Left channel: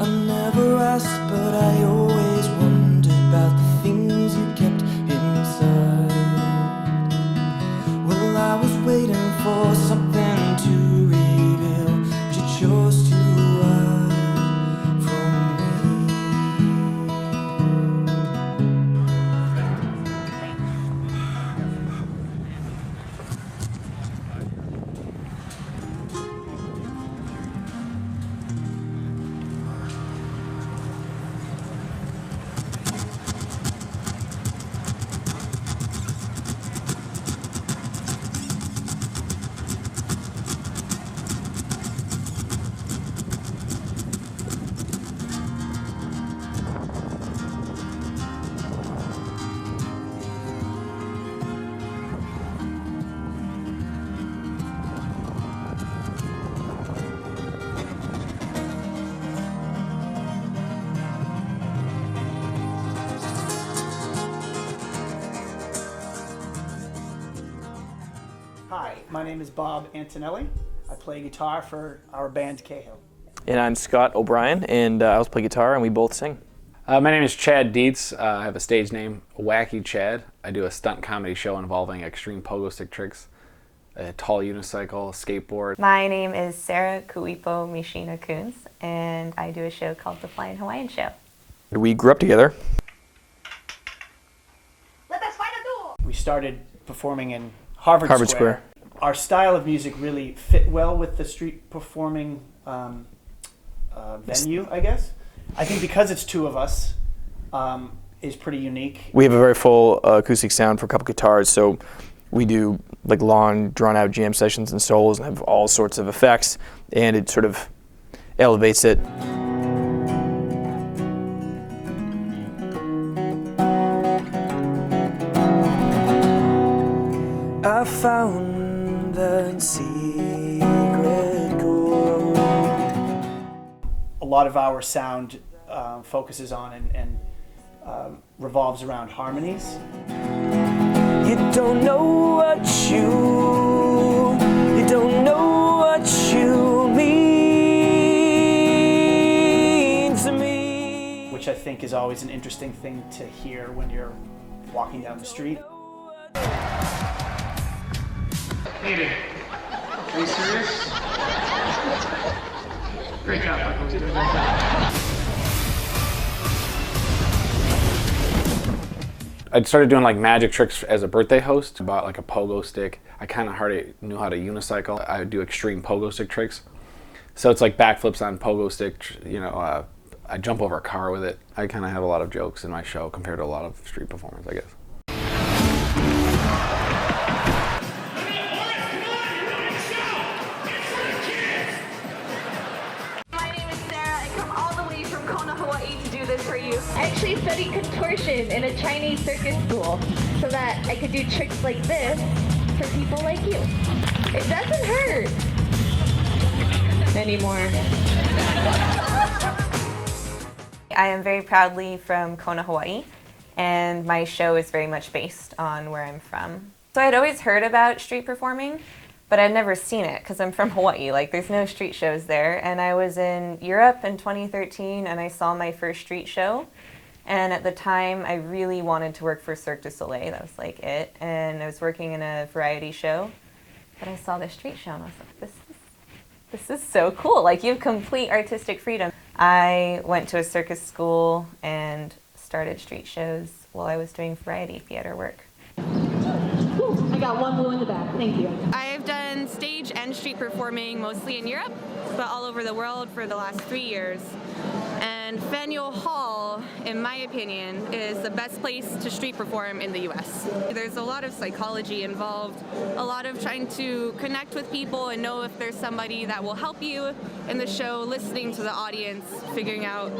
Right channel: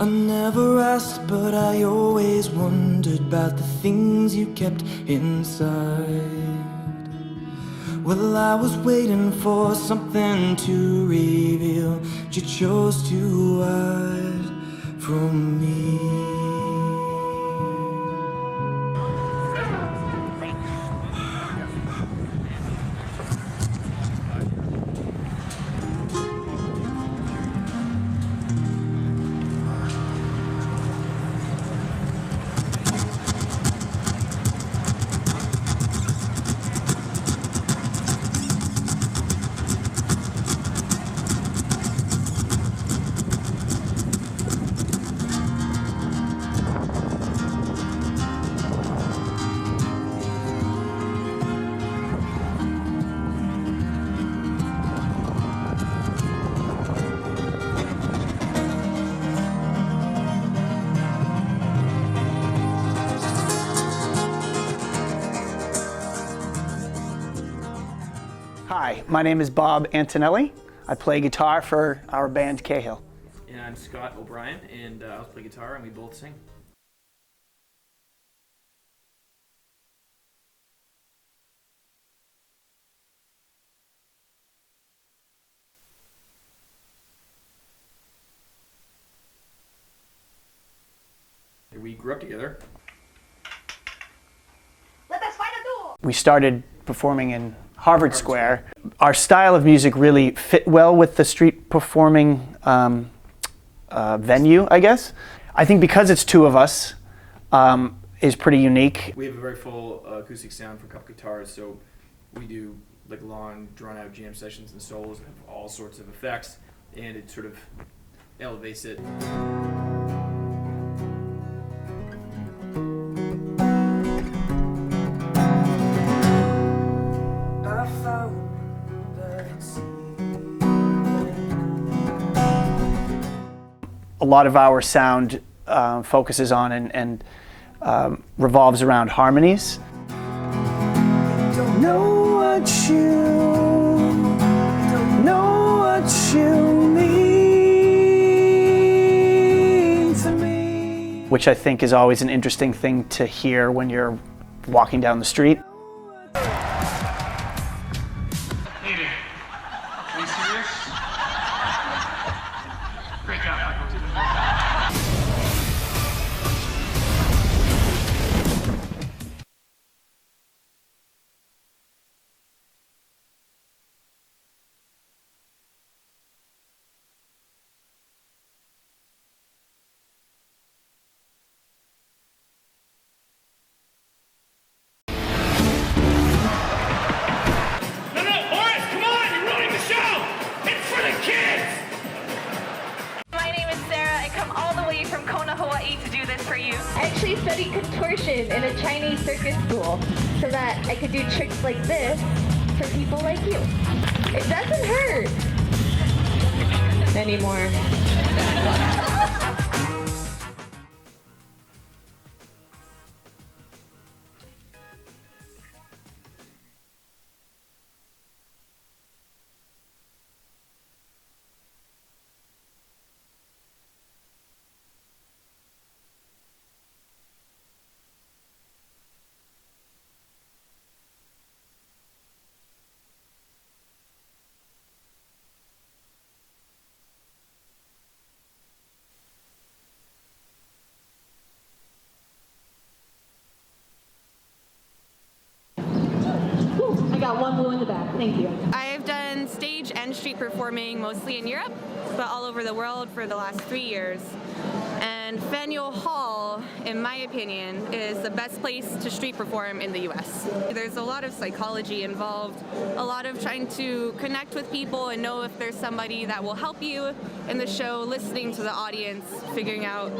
I never asked, but I always wondered about the things you kept inside. Well, I was waiting for something to reveal, but you chose to hide from me. Hi, my name is Bob Antonelli. I play guitar for our band Cahill. And I'm Scott O'Brien, and I also play guitar, and we both sing. My name is Chad Dietz. I have a stage name, Wacky Chad. I do a stunt comedy show involving extreme pogo stick tricks, a tall unicycle, skateboard. My name is Sarah Kuipo Mishina Coons, and I do a show called The Flying Hawaiian Show. We grew up together. We started performing in Harvard Harvard Square. Our style of music really fit well with the street performing venue, I guess. I think because it's two of us is pretty unique. We have a very full acoustic sound for a couple guitars, so we do like long, drawn-out jam sessions and solos and have all sorts of effects, and it sort of elevates it. I found that secret chord. A lot of our sound focuses on and revolves around harmonies. You don't know what you don't know what you mean to me. Which I think is always an interesting thing to hear when you're walking down the street. Hey, are you serious? Break up. I started doing like magic tricks as a birthday host. I bought like a pogo stick. I kind of hardly knew how to unicycle. I would do extreme pogo stick tricks. So it's like backflips on pogo stick, I jump over a car with it. I kind of have a lot of jokes in my show compared to a lot of street performers, I guess. I actually studied contortion in a Chinese circus school so that I could do tricks like this for people like you. It doesn't hurt anymore. I am very proudly from Kona, Hawaii, and my show is very much based on where I'm from. So I'd always heard about street performing, but I'd never seen it because I'm from Hawaii. Like, there's no street shows there. And I was in Europe in 2013, and I saw my first street show. And at the time, I really wanted to work for Cirque du Soleil. That was like it. And I was working in a variety show. But I saw this street show, and I was like, this is so cool. Like, you have complete artistic freedom. I went to a circus school and started street shows while I was doing variety theater work. I got one blue in the back, thank you. I've done stage and street performing mostly in Europe, but all over the world for the last 3 years. And Faneuil Hall, in my opinion, is the best place to street perform in the US. There's a lot of psychology involved, a lot of trying to connect with people and know if there's somebody that will help you in the show, listening to the audience, figuring out,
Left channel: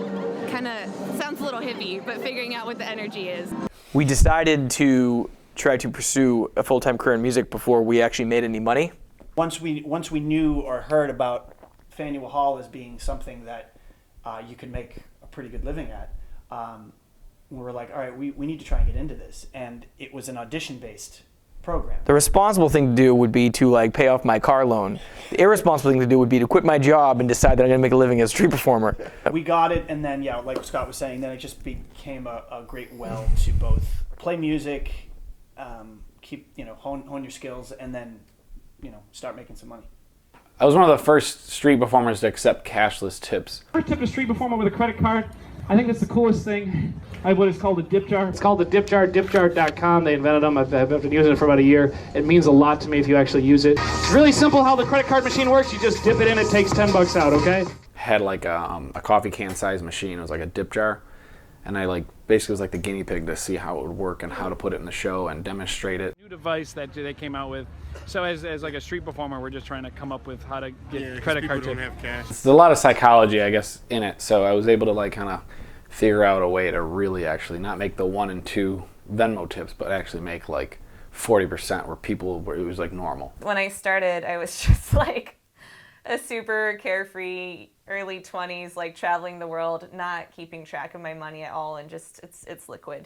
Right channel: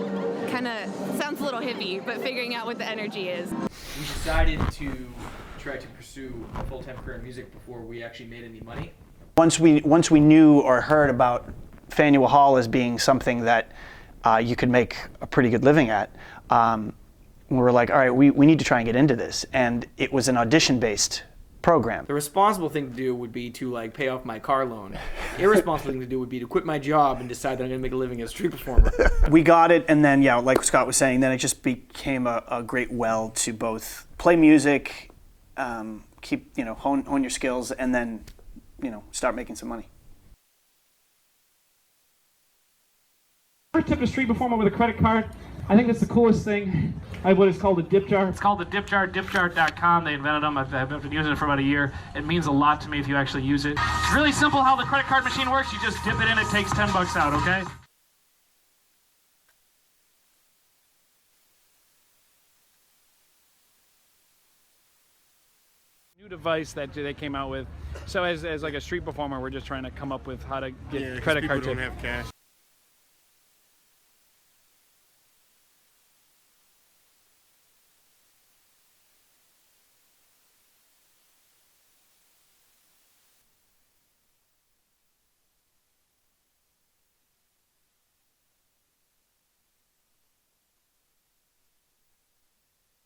kind of sounds a little hippie, but figuring out what the energy is. We decided to try to pursue a full-time career in music before we actually made any money. Once we knew or heard about Faneuil Hall as being something that you could make a pretty good living at, we were like, all right, we need to try and get into this. And it was an audition-based program. The responsible thing to do would be to like pay off my car loan. The irresponsible thing to do would be to quit my job and decide that I'm going to make a living as a street performer. We got it, and then, yeah, like Scott was saying, then it just became a great well to both play music, keep, hone your skills, and then, start making some money. I was one of the first street performers to accept cashless tips. First tip a street performer with a credit card. I think that's the coolest thing. I have what is called a dip jar. It's called the dip jar, dipjar.com. They invented them. I've been using it for about a year. It means a lot to me if you actually use it. It's really simple how the credit card machine works. You just dip it in, it takes $10 out, okay? Had like a coffee can size machine. It was like a dip jar. And I basically was like the guinea pig to see how it would work and how to put it in the show and demonstrate it. New device that they came out with. So as like a street performer, we're just trying to come up with how to get credit card tips. There's a lot of psychology, I guess, in it. So I was able to kind of figure out a way to really actually not make the 1 and 2 Venmo tips, but actually make like 40% where it was like normal. When I started, I was just like a super carefree early 20s, like traveling the world, not keeping track of my money at all, and just it's liquid,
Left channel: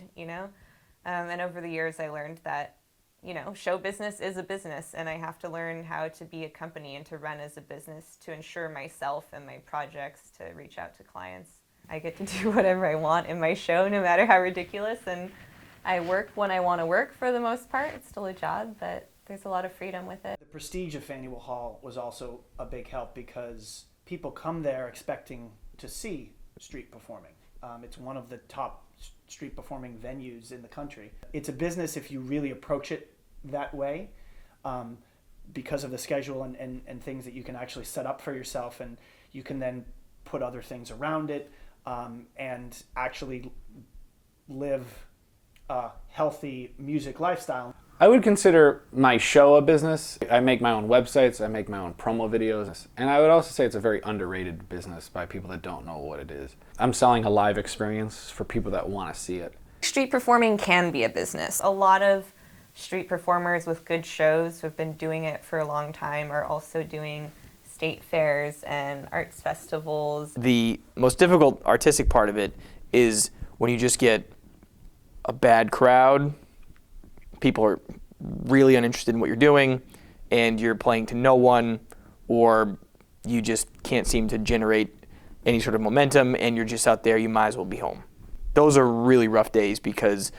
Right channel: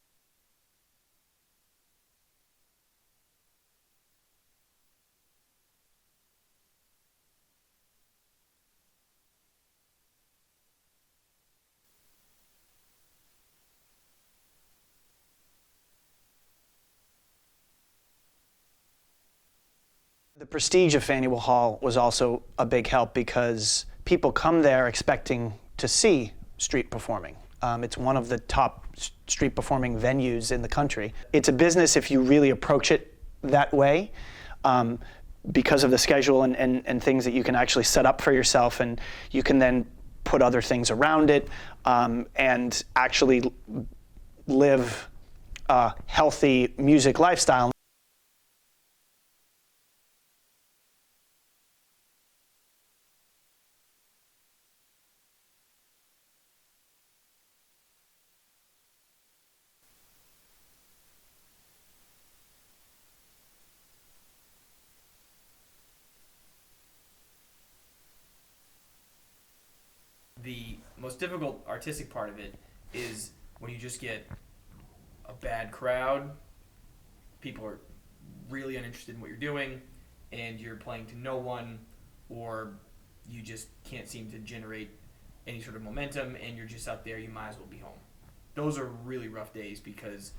and over the years I learned that show business is a business, and I have to learn how to be a company and to run as a business to ensure myself and my projects to reach out to clients. I get to do whatever I want in my show, no matter how ridiculous, and I work when I want to work for the most part. It's still a job, but there's a lot of freedom with it. The prestige of Faneuil Hall was also a big help because people come there expecting to see street performing. It's one of the top street performing venues in the country. It's a business if you really approach it that way, because of the schedule and things that you can actually set up for yourself, and you can then put other things around it, and actually live a healthy music lifestyle. I would consider my show a business. I make my own websites, I make my own promo videos, and I would also say it's a very underrated business by people that don't know what it is. I'm selling a live experience for people that want to see it. Street performing can be a business. A lot of street performers with good shows who have been doing it for a long time are also doing state fairs and arts festivals. The most difficult artistic part of it is when you just get a bad crowd, people are really uninterested in what you're doing, and you're playing to no one, or you just can't seem to generate any sort of momentum, and you're just out there, you might as well be home. Those are really rough days because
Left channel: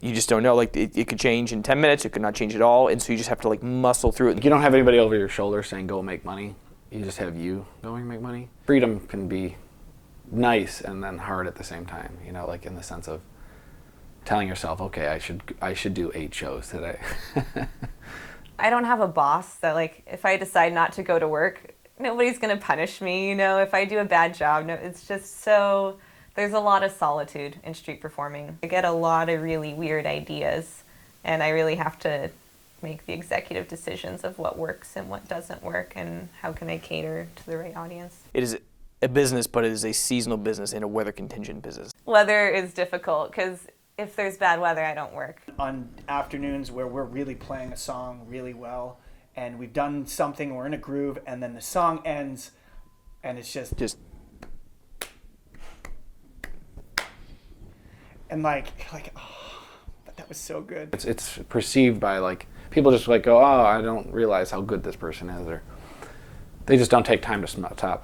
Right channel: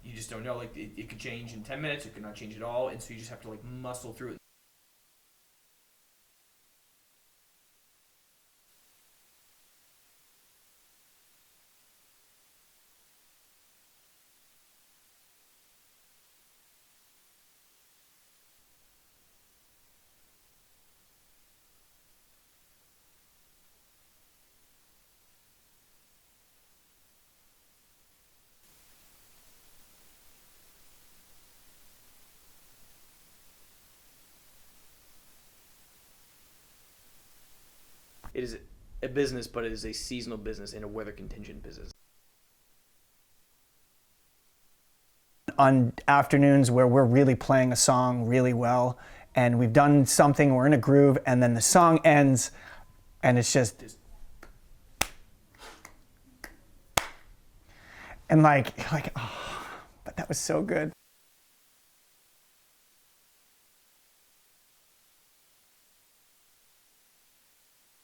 you just don't know. Like it could change in 10 minutes, it could not change at all, and so you just have to muscle through it. You don't have anybody over your shoulder saying go make money. You just have you going make money. Freedom can be nice and then hard at the same time, like in the sense of telling yourself, okay, I should do 8 shows today. I don't have a boss that if I decide not to go to work, nobody's going to punish me, if I do a bad job. No, it's just so, there's a lot of solitude in street performing. I get a lot of really weird ideas, and I really have to make the executive decisions of what works and what doesn't work and how can I cater to the right audience. It is a business, but it is a seasonal business and a weather contingent business. Weather is difficult because if there's bad weather, I don't work. On afternoons where we're really playing a song really well, and we've done something, we're in a groove, and then the song ends, and it's just and oh, but that was so good. It's perceived by people just go, oh, I don't realize how good this person is, or they just don't take time to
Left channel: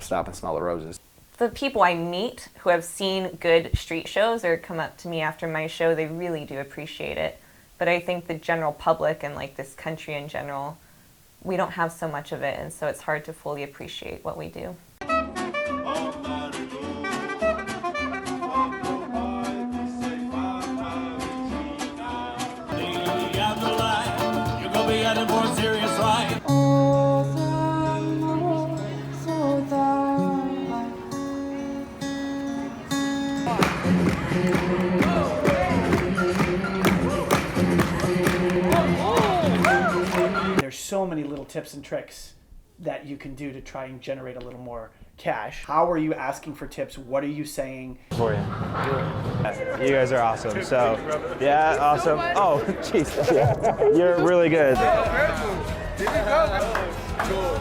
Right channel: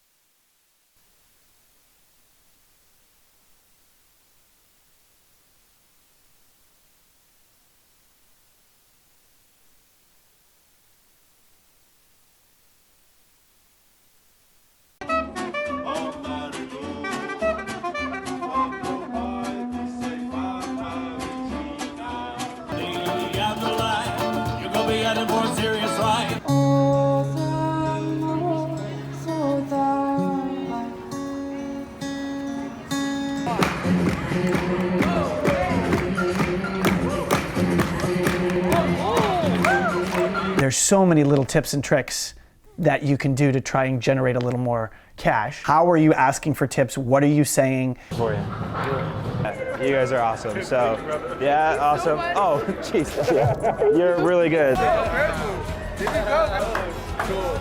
stop and smell the roses. The people I meet who have seen good street shows or come up to me after my show, they really do appreciate it. But I think the general public and this country in general, we don't have so much of it, and so it's hard to fully appreciate what we do. There's so many little tips and tricks that you can do to try and generate a little more cash. How are you asking for tips? What are you saying? For you. You guys are awesome. So, yeah, awesome. Oh, jeez. Yeah. You're really good.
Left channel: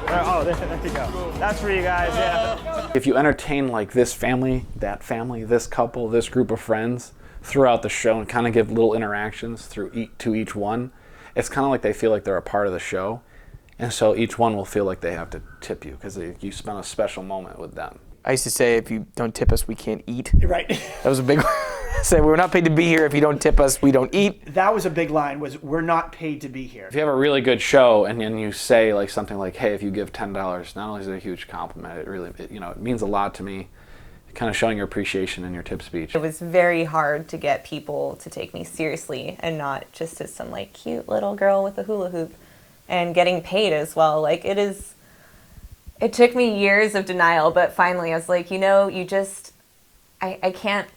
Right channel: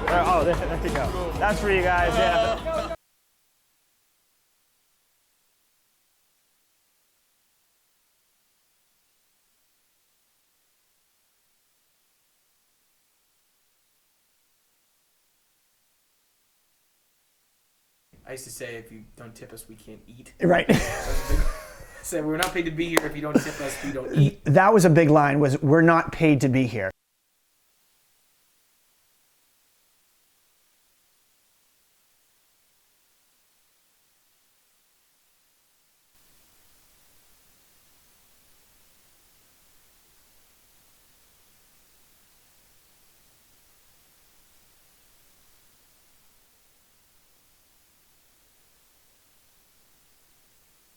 Oh, there you go. That's for you guys, yeah. If you entertain this family, that family, this couple, this group of friends throughout the show and kind of give little interactions to each one, it's kind of like they feel like they're a part of the show. And so each one will feel like they have to tip you because you spent a special moment with them. I used to say, if you don't tip us, we can't eat. Right. That was a big one. I said, we're not paid to be here. If you don't tip us, we don't eat. That was a big line, was we're not paid to be here. If you have a really good show and then you say like something like, hey, if you give $10, not only is it a huge compliment, it means a lot to me, kind of showing your appreciation in your tip speech. It was very hard to get people to take me seriously and not just as some like cute little girl with a hula hoop, and getting paid as well. Like it took me years of denial, but finally I was like, I can't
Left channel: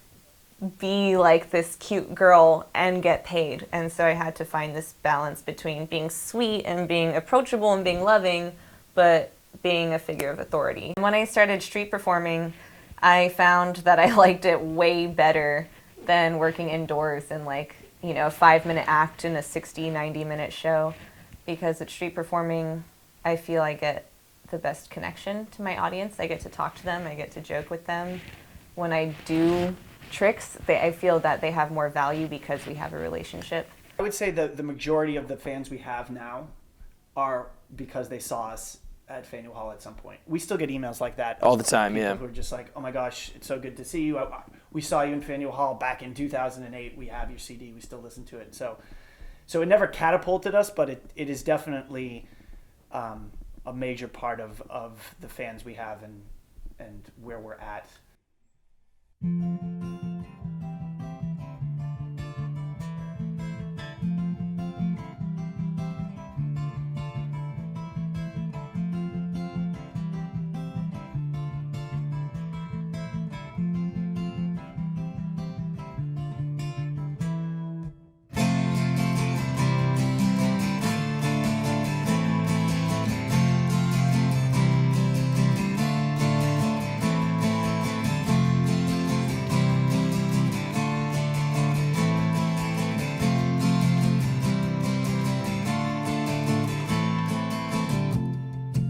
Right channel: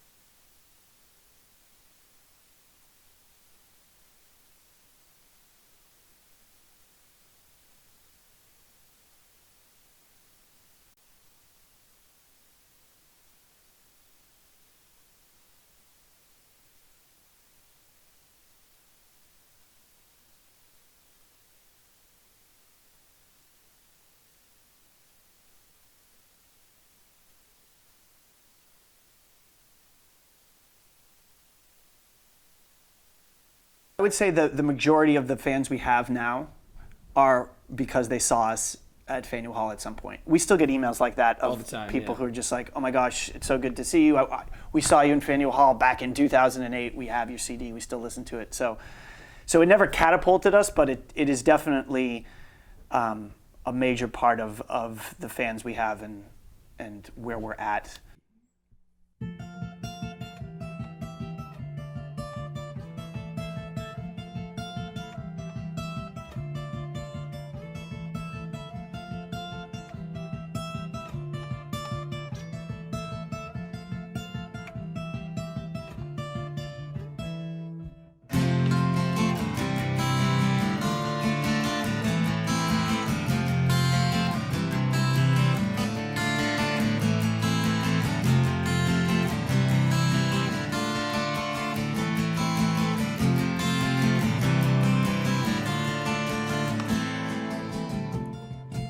be like this cute girl and get paid. And so I had to find this balance between being sweet and being approachable and being loving, but being a figure of authority. When I started street performing, I found that I liked it way better than working indoors in like, a 5-minute act in a 60, 90-minute show, because at street performing, I feel I get the best connection to my audience. I get to talk to them, I get to joke with them. When I do tricks, I feel that they have more value because we have a relationship. I would say the majority of the fans we have now are because they saw us at Faneuil Hall at some point. We still get emails like that all the time. People yeah. who are just like, oh my gosh, it's so good to see you. We saw you in Faneuil Hall back in 2008. We have your CD. We still listen to it. So it never catapulted us, but it is definitely a major part of the fans we have and where we're at.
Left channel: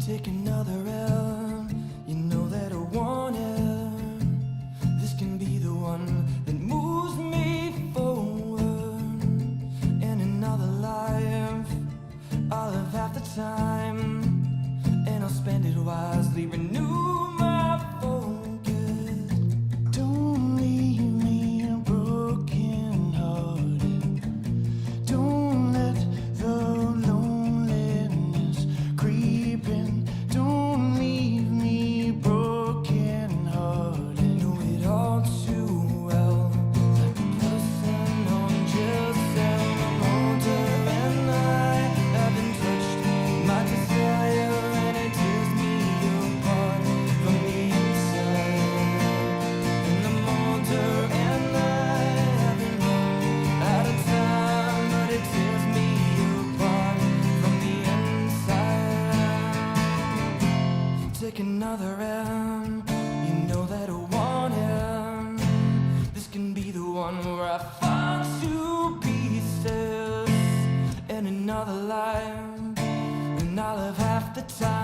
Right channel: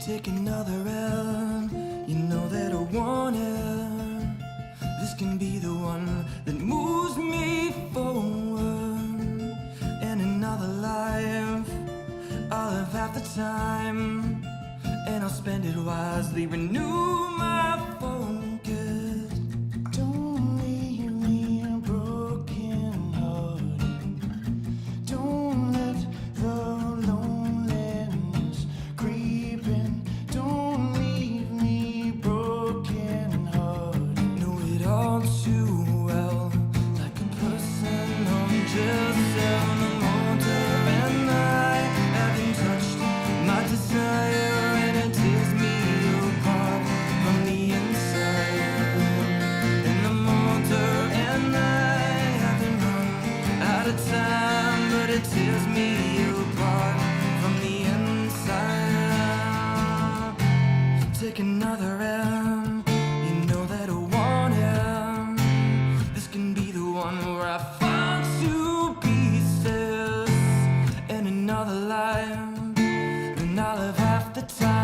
Take another L, you know that I want it. This can be the one that moves me forward. In another life, I'll have half the time, and I'll spend it wisely, renew my focus. Don't leave me broken hearted. Don't let the loneliness creep in. Don't leave me broken hearted. Know it all too well, like a person on jail cell. I'm older and I haven't touched my desire, and it tears me apart from the inside. And I'm older and I haven't run out of time, but it tears me apart from the inside. Take another M, you know that I want it. This can be the one where I fall to pieces in another life, and I'll have half the time.